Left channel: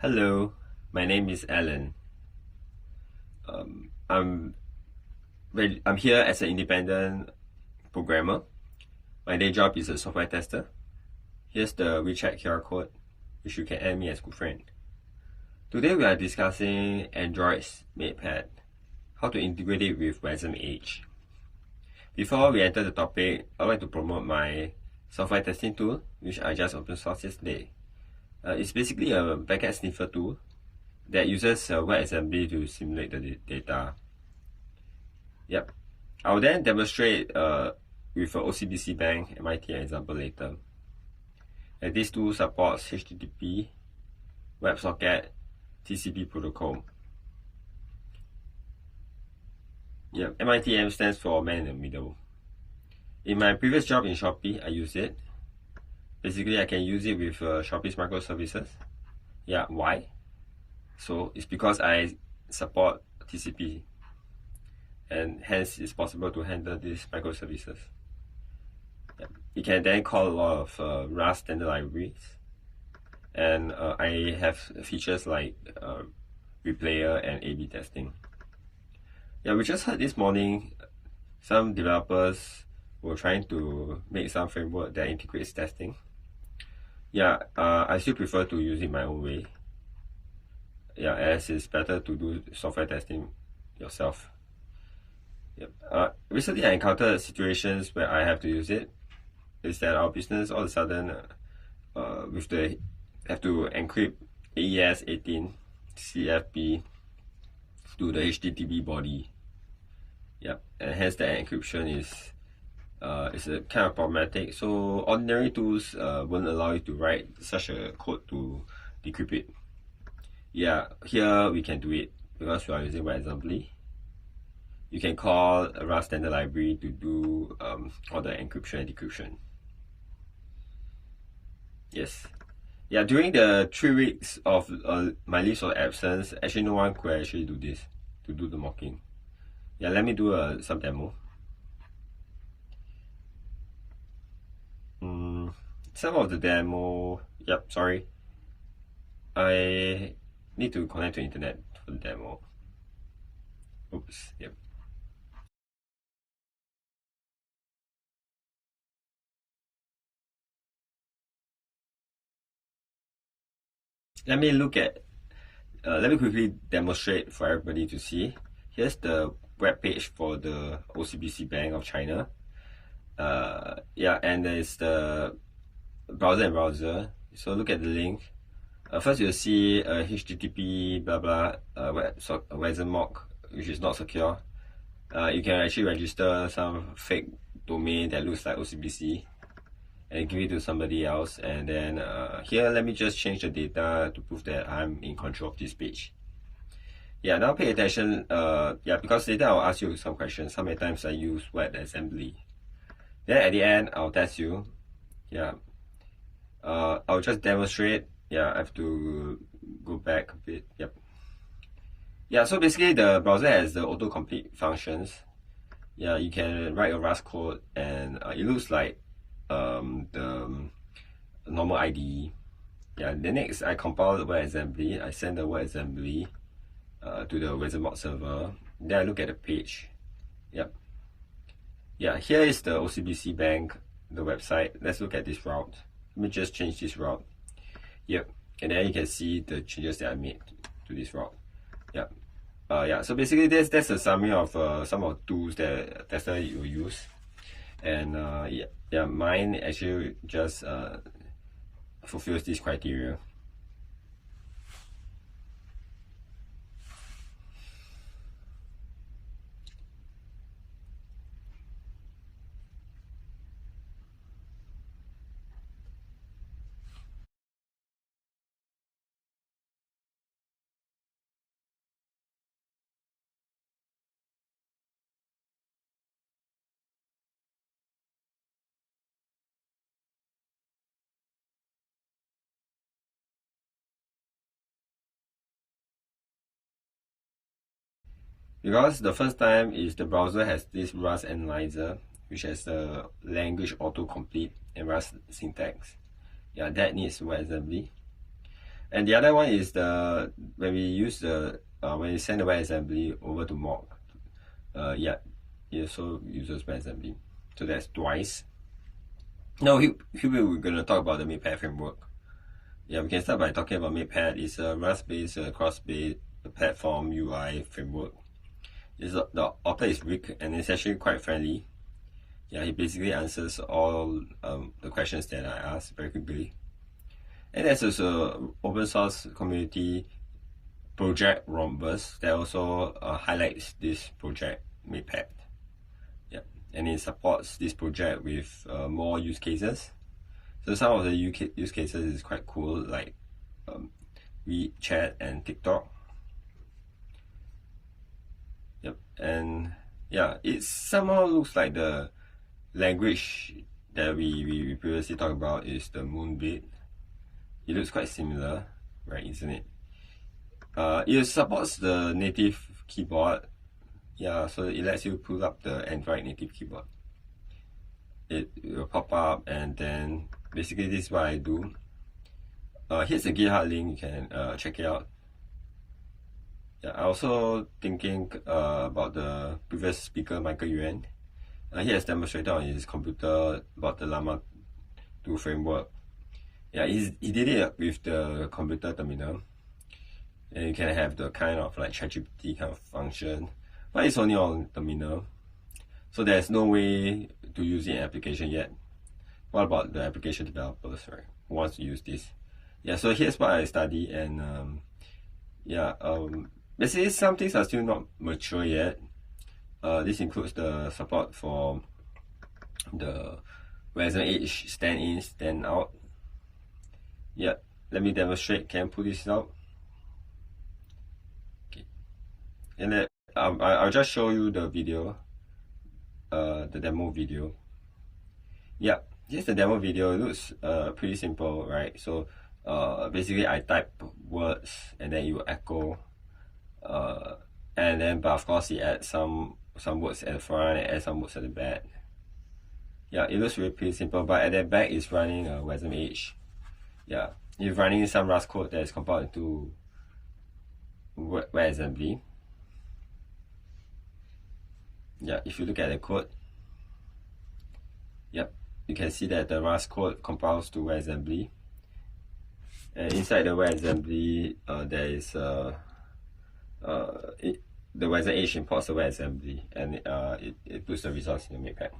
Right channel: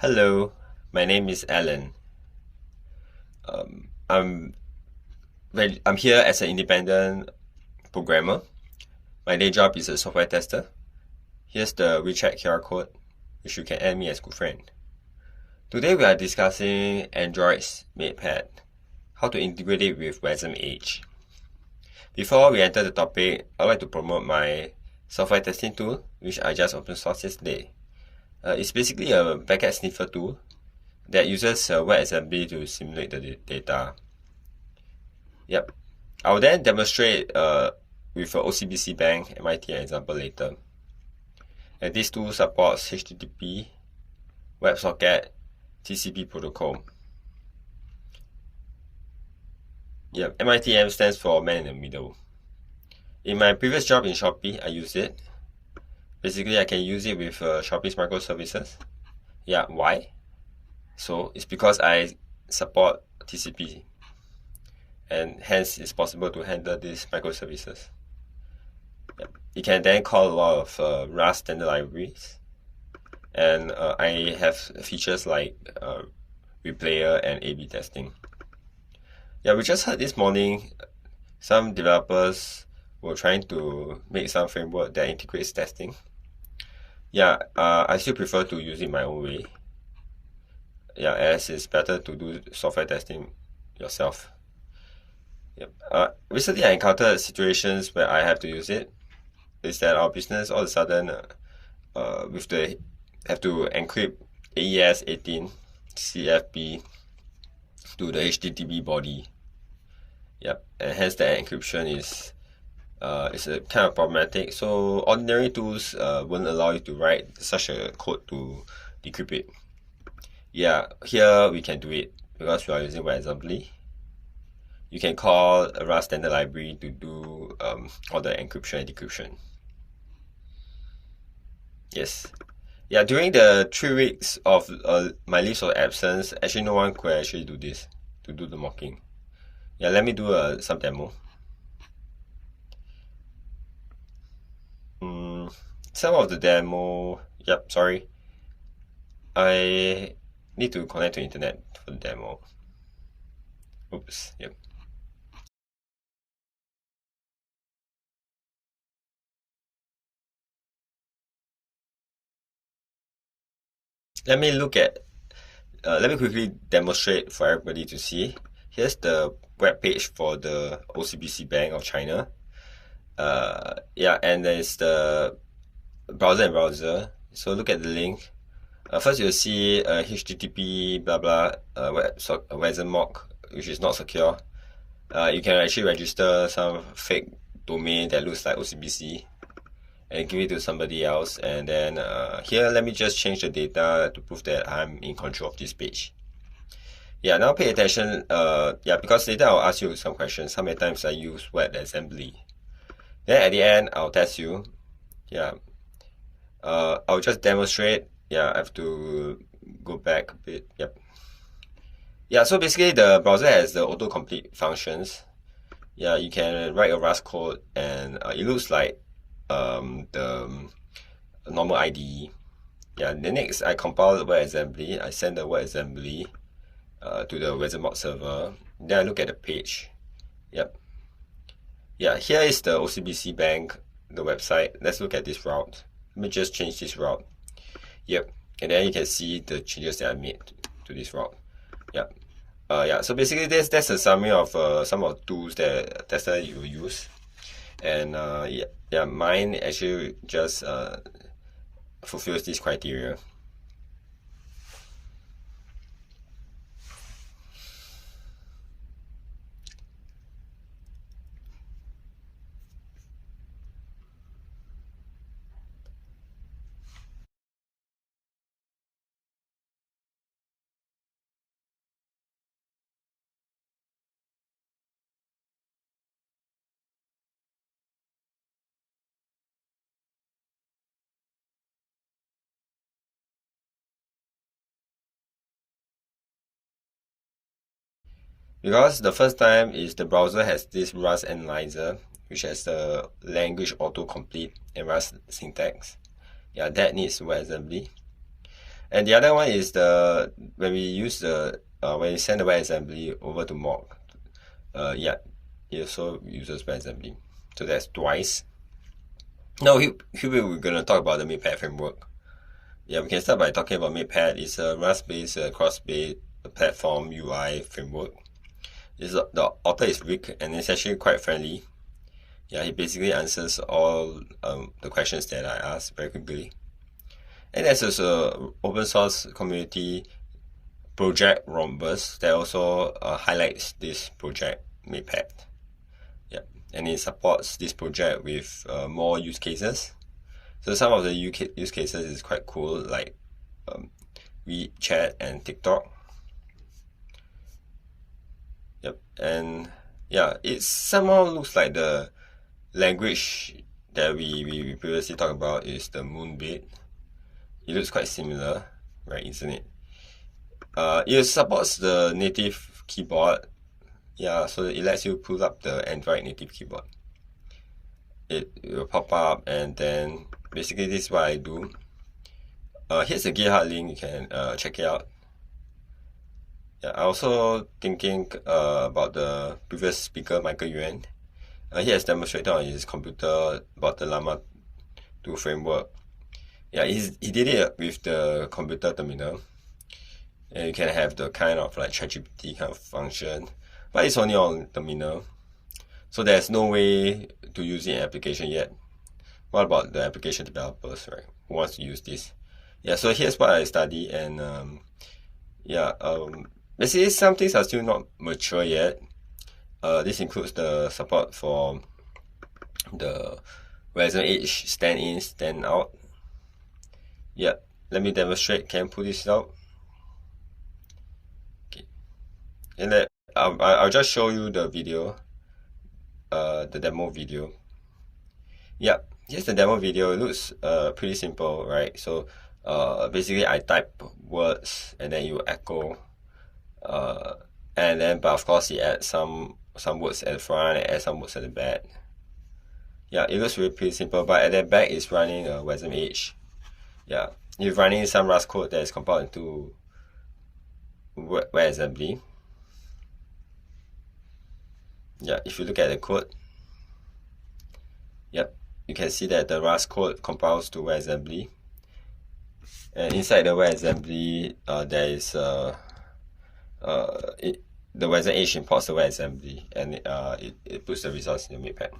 Hello, my name is Alan. I'm I'm here as an independent programmer. My day job is a software tester. Here's the WeChat QR code, which you can add me as good friend. Today we are discussing Android's Makepad, how to integrate it with Wasmedge. Before we enter the topic, I'd like to promote my software testing tool, which I just open sourced yesterday. It's basically a packet sniffer tool that uses WebAssembly to simulate the data. Yep. I'll then demonstrate with OCBC Bank MIT example later. And this tool supports HTTP, WebSocket, TCP protocol. Yep, MITM stands for Man in the Middle. In my previous job in Shopee, I used it. Basically, I can use it with Shopee's microservices. Yeah, why? So it's because I support TCP, and hence it's possible to handle these microservices. You can then call a lot of Rust standard libraries, and I have features like replayer and A/B testing. Yeah, we just heard this morning some developers were trying to make some framework that integrates testing. Yeah, I still prefer to use it my own way. Yeah, as it's better to do software testing yourself. Yep. Recently, I encountered situations where I have to use it. Is that our business all of a sudden with the have to encrypt AES 18 CFP to the HTTP body. Yep, and hence the encryption is a kind of problematic. So ordinary tools won't allow you to write such a code to decrypt it. Yeah, here we can do it because we are using WebAssembly. You can call a Rust standard library to do all the encryption and decryption. Yes. Yeah, during the 3 weeks of my leaves of absence, actually no one could actually do this, to do the mocking. Yeah, let me do some demo. Some of the demo, yep, sorry. I need to connect to internet for the demo. Oops, yep. Let me quickly demonstrate for everybody to see. Here's the web page for the OCBC Bank of China. Yeah, and there's the browser. So look at the link. First you'll see HTTP blah blah WebSocket, which is not secure. You can actually register some fake domain that looks like OCBC and give it to somebody else, and then here let me just change the data to prove that I'm in control of this page. Yeah, now pay attention. Yeah, because later I'll ask you some questions. How many times I use WebAssembly? Then at the end I'll test you. Yeah, I'll just demonstrate. Yeah, I have to go back a bit. Yep. Yeah, so basically the browser has the autocomplete functions. Yeah, you can write a Rust code and it looks like the normal IDE. Yeah, then next I compile the WebAssembly. I send the WebAssembly to the Wasmedge server. Then I look at the page. Yep. Yeah, here is the OCBC Bank, the website. Let's look at this route. Let me just change this route. Yep. And then you can see the changes that I made to this route. Yep. Yeah, so basically that's a summary of some of the tools that tester you use. And yeah, mine actually just fulfills these criteria. Because the first time is the browser has this Rust analyzer, which has the language autocomplete and Rust syntax. Yeah, that needs WebAssembly. And the other one is when we use when you send the WebAssembly over to mock, yeah, it also uses WebAssembly. So that's twice. Now here we're gonna talk about the Makepad framework. Yeah, we can start by talking about Makepad. It's a Rust-based cross-based platform UI framework. The author is Rick, and it's actually quite friendly. Yeah, he basically answers all the questions that I asked very quickly. And there's also open source community project Rhombus that also highlights this project Makepad. Yeah, and it supports this project with more use cases. So some of the use cases is quite cool, like WeChat and TikTok. Yep, and yeah, it somehow looks like the language that we previously talked about is the Moonbit. It looks quite similar, right? Isn't it? It supports the native keyboard. Yeah, so it lets you pull up the Android native keyboard. It will pop up, and then basically this is what I do. Here's the GitHub link. You can check it out. Yeah, I also thinking about the previous speaker, Michael Yuan. He has demonstrated on his computer about the Llama 2 framework. Yeah, he did it with the computer terminal. And you can have the kind of like ChatGPT kind of function, but it's only on terminal. So there's no way to use it in application yet. What about the application developers, right? Who wants to use this? Yeah, so here's what I study, and basically some things are still not mature yet. This includes the support for the Wasmedge stand-in, stand-out. Yeah, let me demonstrate. Can I pull this out? Okay, and then I'll just show you the video, the demo video. Yeah, here's the demo video. It looks pretty simple, right? So basically I type words and then you echo, and then but of course it adds some words at the front and add some words at the back. Yeah, it looks really pretty simple, but at the back it's running a Wasmedge. Yeah, it's running some Rust code that is compiled into WebAssembly. Yeah, if you look at the code, yep, you can see that the Rust code compiles to WebAssembly. And inside the WebAssembly, there is the Wasmedge imports the WebAssembly, and it puts the results in the Makepad.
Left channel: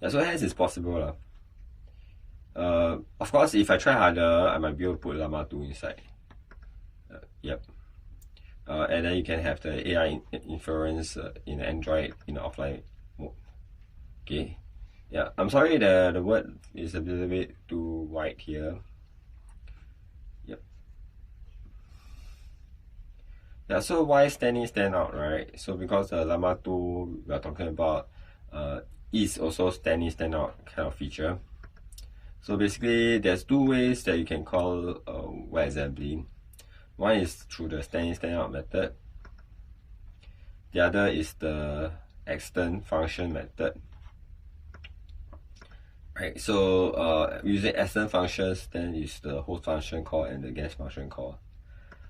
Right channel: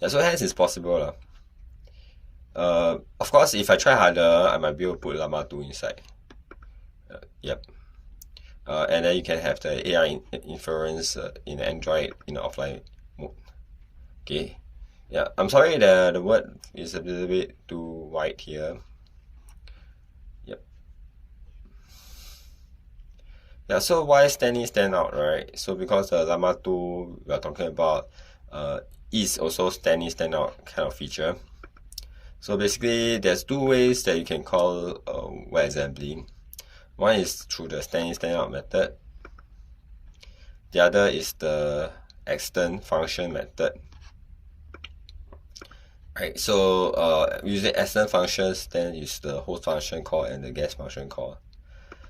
Yeah, so hence it's possible. Of course, if I try harder, I might be able to put Llama 2 inside. Yep. And then you can have the AI inference in Android in the offline mode. Okay. Yeah, I'm sorry the word is a little bit too white here. Yep. Yeah, so why stand-in, stand-out, right? So because the Llama 2 we are talking about is also stand-in, stand-out kind of feature. So basically, there's two ways that you can call WebAssembly. One is through the stand-in, stand-out method. The other is the extend function method. Right, so using extend functions, then is the host function call and the guest function call.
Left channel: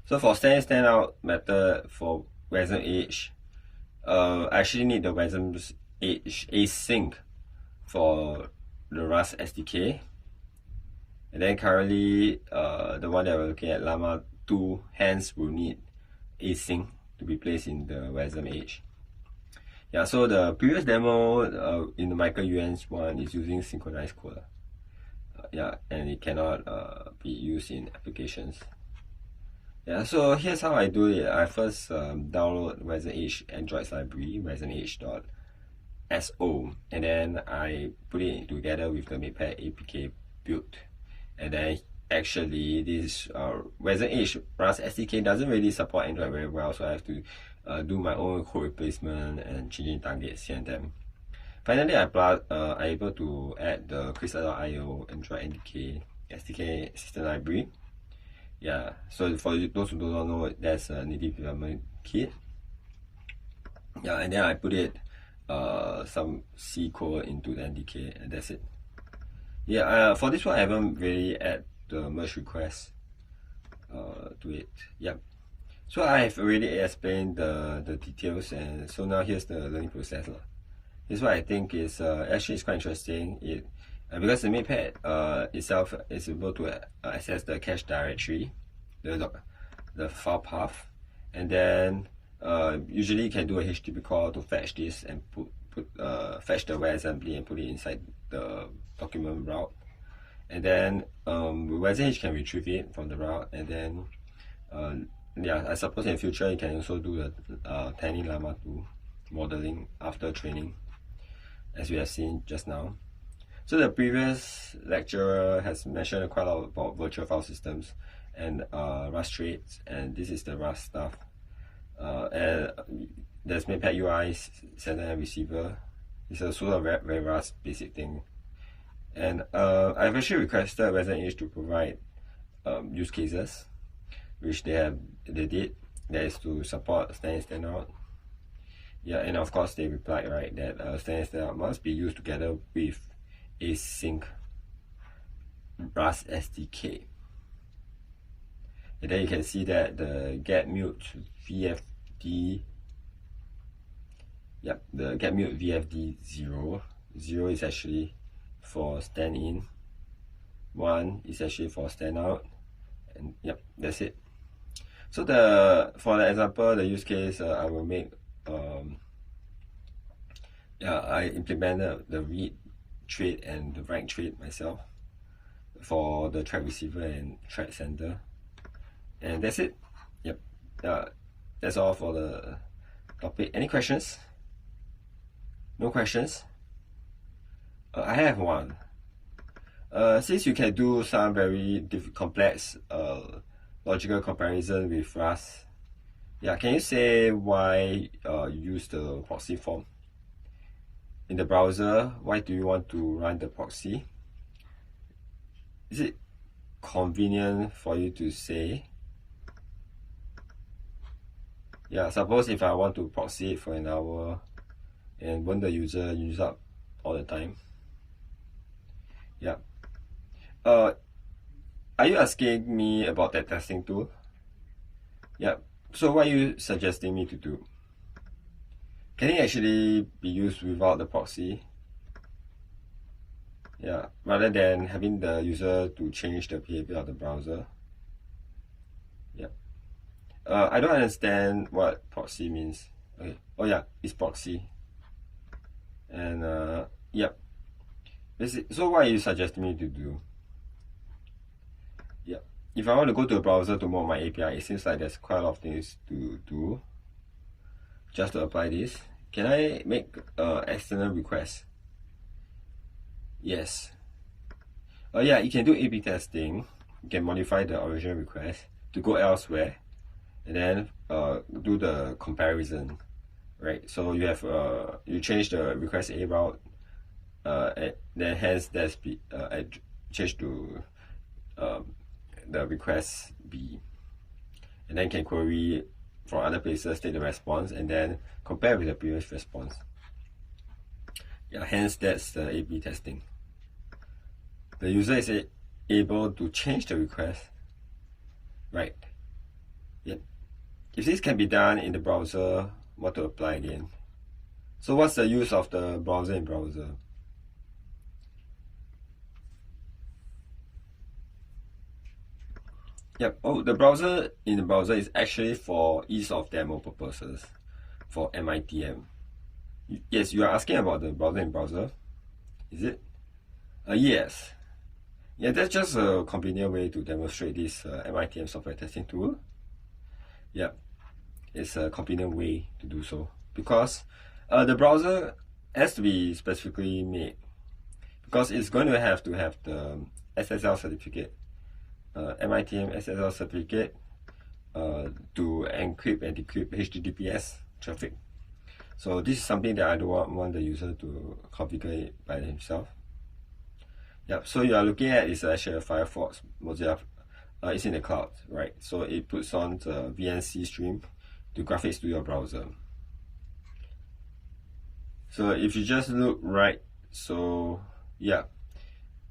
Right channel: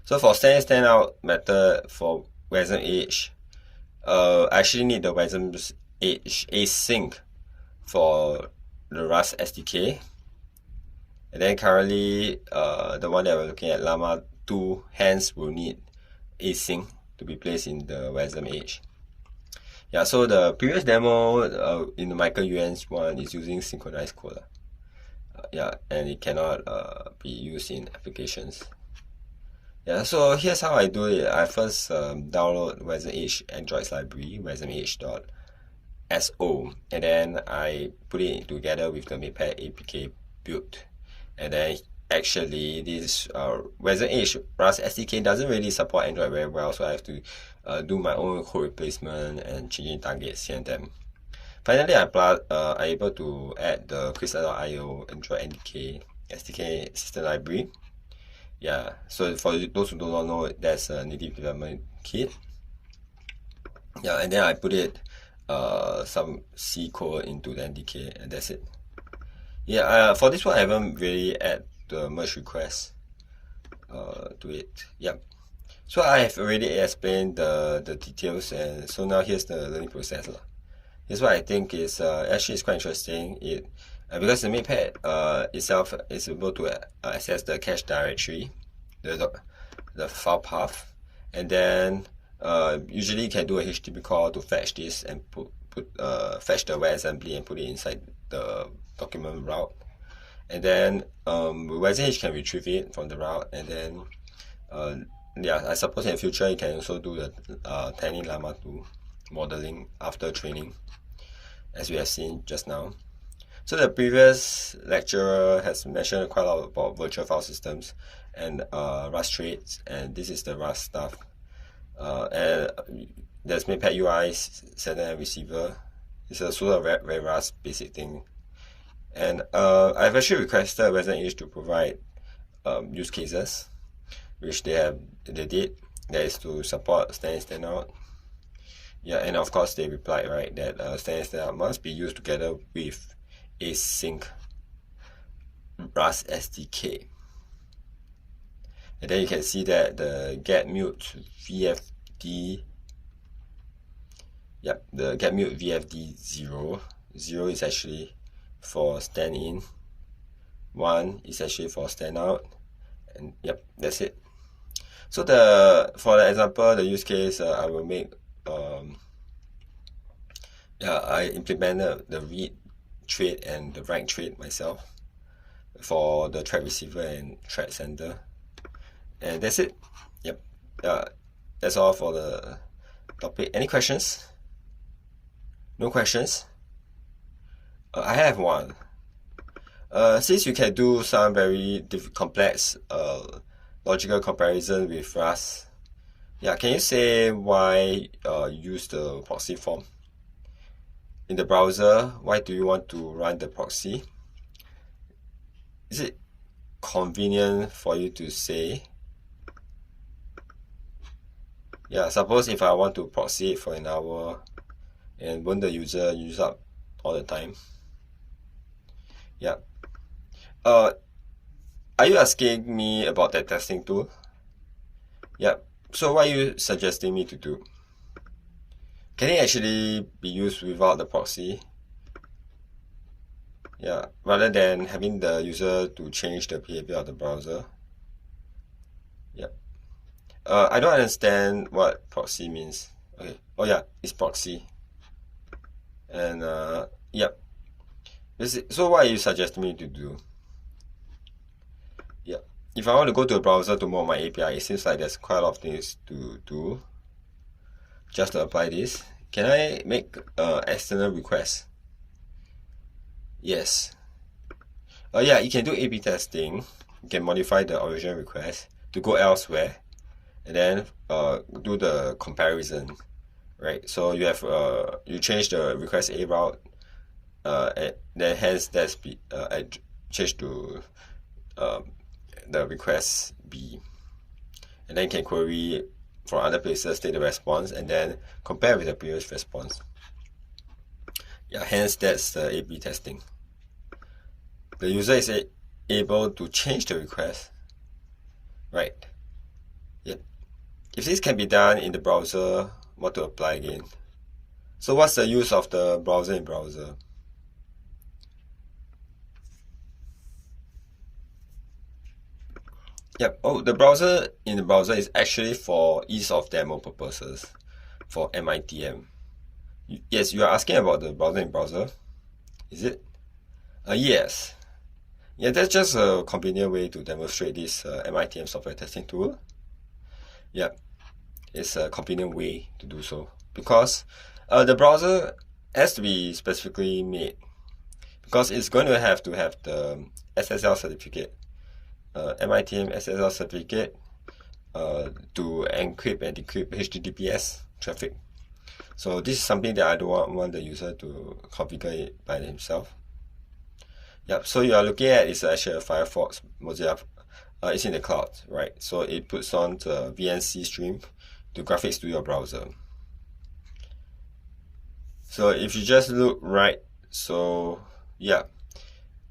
So for stand-in, stand-out method for Wasmedge, I actually need the Wasmedge async for the Rust SDK. And then currently, the one that we're looking at, Llama 2, hence will need async to be placed in the Wasmedge. Yeah, so the previous demo in the Michael Yuan's one is using synchronized code. Yeah, and it cannot be used in applications. Yeah, so here's how I do it. I first download Wasmedge Android's library, wasmedge.so, and then I put it together with the Makepad APK build. And then actually this Wasmedge Rust SDK doesn't really support Android very well, so I have to do my own code replacement and changing targets here and then. Finally, I'm able to add the Crystal.io Android NDK SDK system library. Yeah, so for those who do not know, that's a native development kit. Yeah, and then I put it some C code into the NDK, and that's it. Yeah, for this one I haven't really add the merge request. to it. Yep. So I have already explained the details, and so now here's the learning process. Here's what I think is actually is quite interesting. Because the Makepad itself is able to access the cache directory, the file path, and then usually you can do a HTTP call to fetch this and fetch the WebAssembly and put it inside the document route, and then Wasmedge can retrieve it from the route, and then yeah, I suppose in the future you can also do the Tiny Llama 2 modeling after training, as we have seen just now. So the previous lecturer has mentioned quite a lot about virtual file systems and Rust traits, and this is the Rust stuff. And there's Makepad UI, sender and receiver. It's a sort of very Rust basic thing. And I've actually requested Wasmedge to provide use cases, which they did. That is to support stand in, stand out. Yeah, and of course they replied, right, that stand in, stand out must be used together with async Rust SDK. And then you can see that the get mute VFD, yep, the get mute VFD 0 is actually for stand in, 1 is actually for stand out, and yep, that's it. So for the example, the use case I will make, I implemented the read trait and the write trait myself for the thread receiver and thread sender, and that's it. Yep, that's all for the topic. Any questions? No questions? I have one. Since you can do some very complex logical comparison with Rust, yeah, can you say why use the proxy form in the browser? Why do you want to run the proxy? Is it convenient for you to say? Yeah, suppose if I want to proxy it for an hour, and won't the user use up all the time? Yeah. Are you asking me about that testing tool? Yeah. So what are you suggesting me to do? Can it actually be used without the proxy? Yeah, rather than having the user to change the behavior of the browser. Yeah. I don't understand what proxy means. Okay. Oh yeah, it's proxy. And yep. So what are you suggesting me to do? Yeah. If I want to go to a browser to mod my API, it seems like there's quite a lot of things to do just to apply this. Can I make external requests? Yes. Yeah, you can do A/B testing. You can modify the original request to go elsewhere, and then do the comparison, right? So you have you change the request A route, then hence that's change to the request B, and then can query from other places, take the response, and then compare with the previous response. Yeah, hence that's the A/B testing. The user is able to change the request, right? Yep. If this can be done in the browser, what to apply again? So what's the use of the browser in browser? Yep. Oh, the browser in the browser is actually for ease of demo purposes, for MITM. Yes, you are asking about the browser in browser, is it? Yes. Yeah, that's just a convenient way to demonstrate this MITM software testing tool. Yeah, it's a convenient way to do so because the browser has to be specifically made because it's going to have the SSL certificate, MITM SSL certificate to encrypt and decrypt HTTPS traffic. So this is something that I don't want the user to configure it by themselves. Yep, so you are looking at is actually a Firefox Mozilla. It's in the cloud, right? So it puts on the VNC stream to graphics to your browser. So if you just look right, so yeah,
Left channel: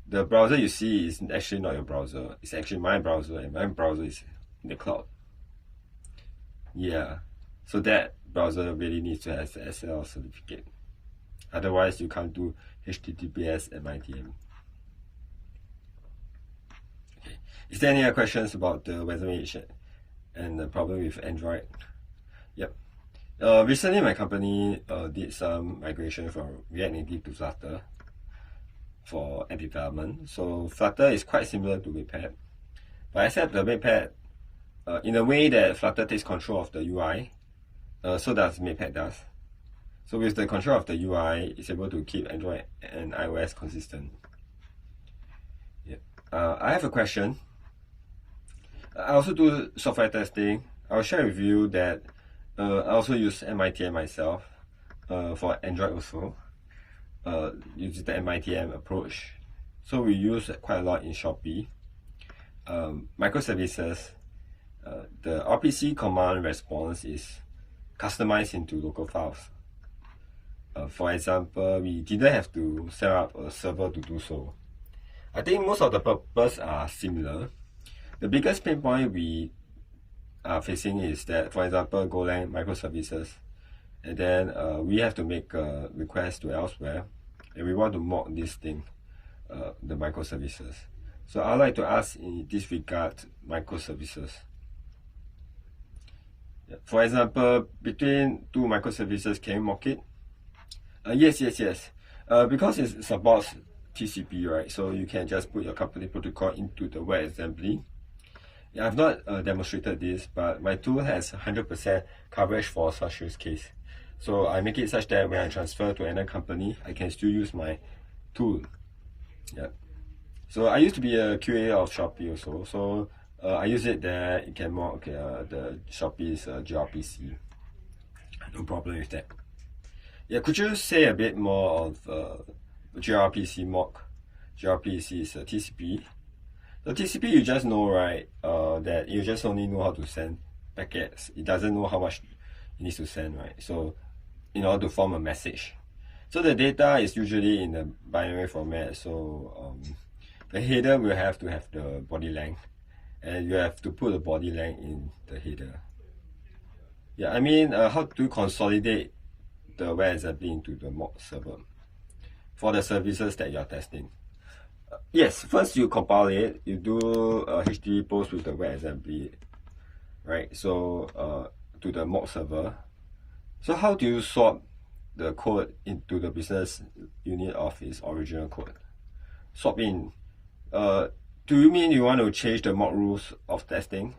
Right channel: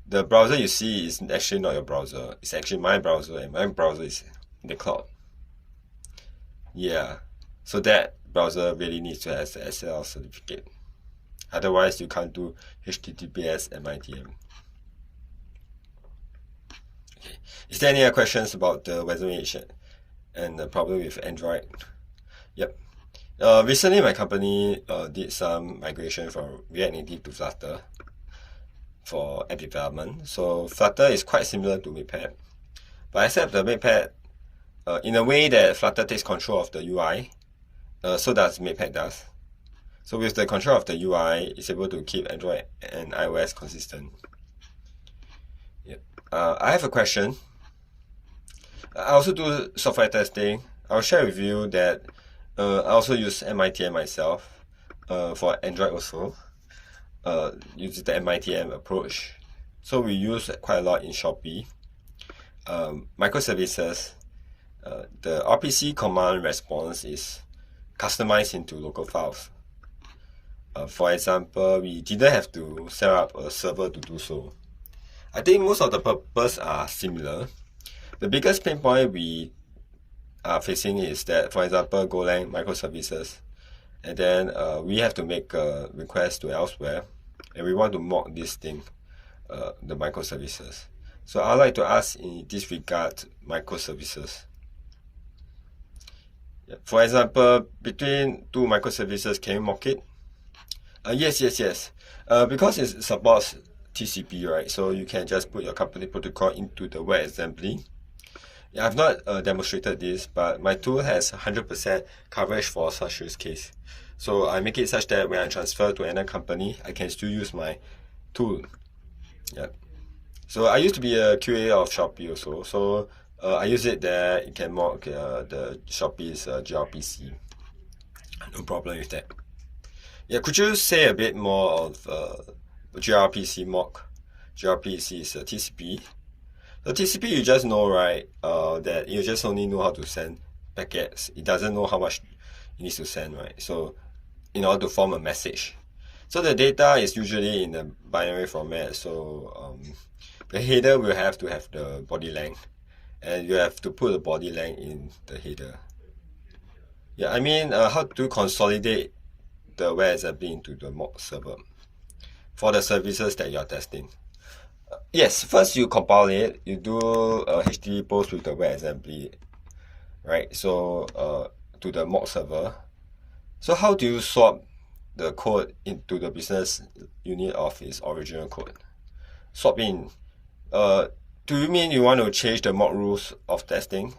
the browser you see is actually not your browser. It's actually my browser, and my browser is in the cloud. Yeah, so that browser really needs to have the SSL certificate. Otherwise, you can't do HTTPS and MITM. Okay. Is there any other questions about the Wasmedge and the problem with Android? Yep. Recently, my company did some migration from React Native to Flutter for app development. So Flutter is quite similar to Makepad, but except the Makepad, in a way that Flutter takes control of the UI, so does Makepad does. So with the control of the UI, it's able to keep Android and iOS consistent. Yeah. I have a question. I also do software testing. I'll share with you that I also use MITM myself for Android also. Using the MITM approach. So we use it quite a lot in Shopee. Microservices, the RPC command response is customized into local files. For example, we didn't have to set up a server to do so. I think most of the purpose are similar. The biggest pain point we are facing is that, for example, Golang microservices, and then we have to make a request to elsewhere, and we want to mock this thing, the microservices. So I'd like to ask in this regard, microservices. Yeah. For example, between two microservices, can you mock it? Yes. Because it supports TCP, right? So you can just put your company protocol into the WebAssembly. Yeah, I've not demonstrated this, but my tool has 100% coverage for such use case. So I make it such that when I transfer to another company, I can still use my tool. Yeah. So I used to be a QA of Shopee also. So I use it there. It can mock the Shopee's gRPC. No problem with that. Yeah, could you say a bit more of gRPC mock? gRPC is a TCP. The TCP, you just know, right, that you just only know how to send packets. It doesn't know how much it needs to send, right? So in order to form a message. So the data is usually in a binary format. So the header will have to have the body length, and you have to put the body length in the header. Yeah, I mean, how to consolidate the WebAssembly into the mock server for the services that you are testing. Yes, first you compile it, you do a HTTP post with the WebAssembly, right? So to the mock server. So how do you swap the code into the business unit of its original code? Swap in. Do you mean you want to change the mock rules of testing?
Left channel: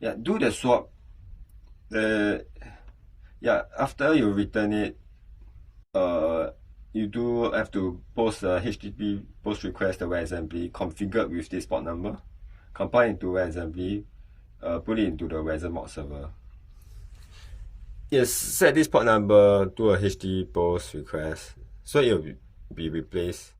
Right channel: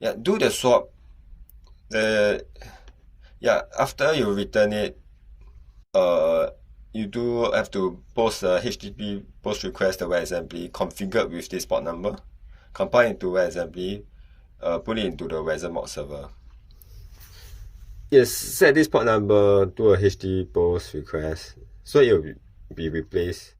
Yeah, do the swap. Yeah, after you return it, you do have to post a HTTP post request to WebAssembly configured with this port number, compile into WebAssembly, put it into the WebAssembly server. Yes, set this port number to a HTTP post request, so it will be replaced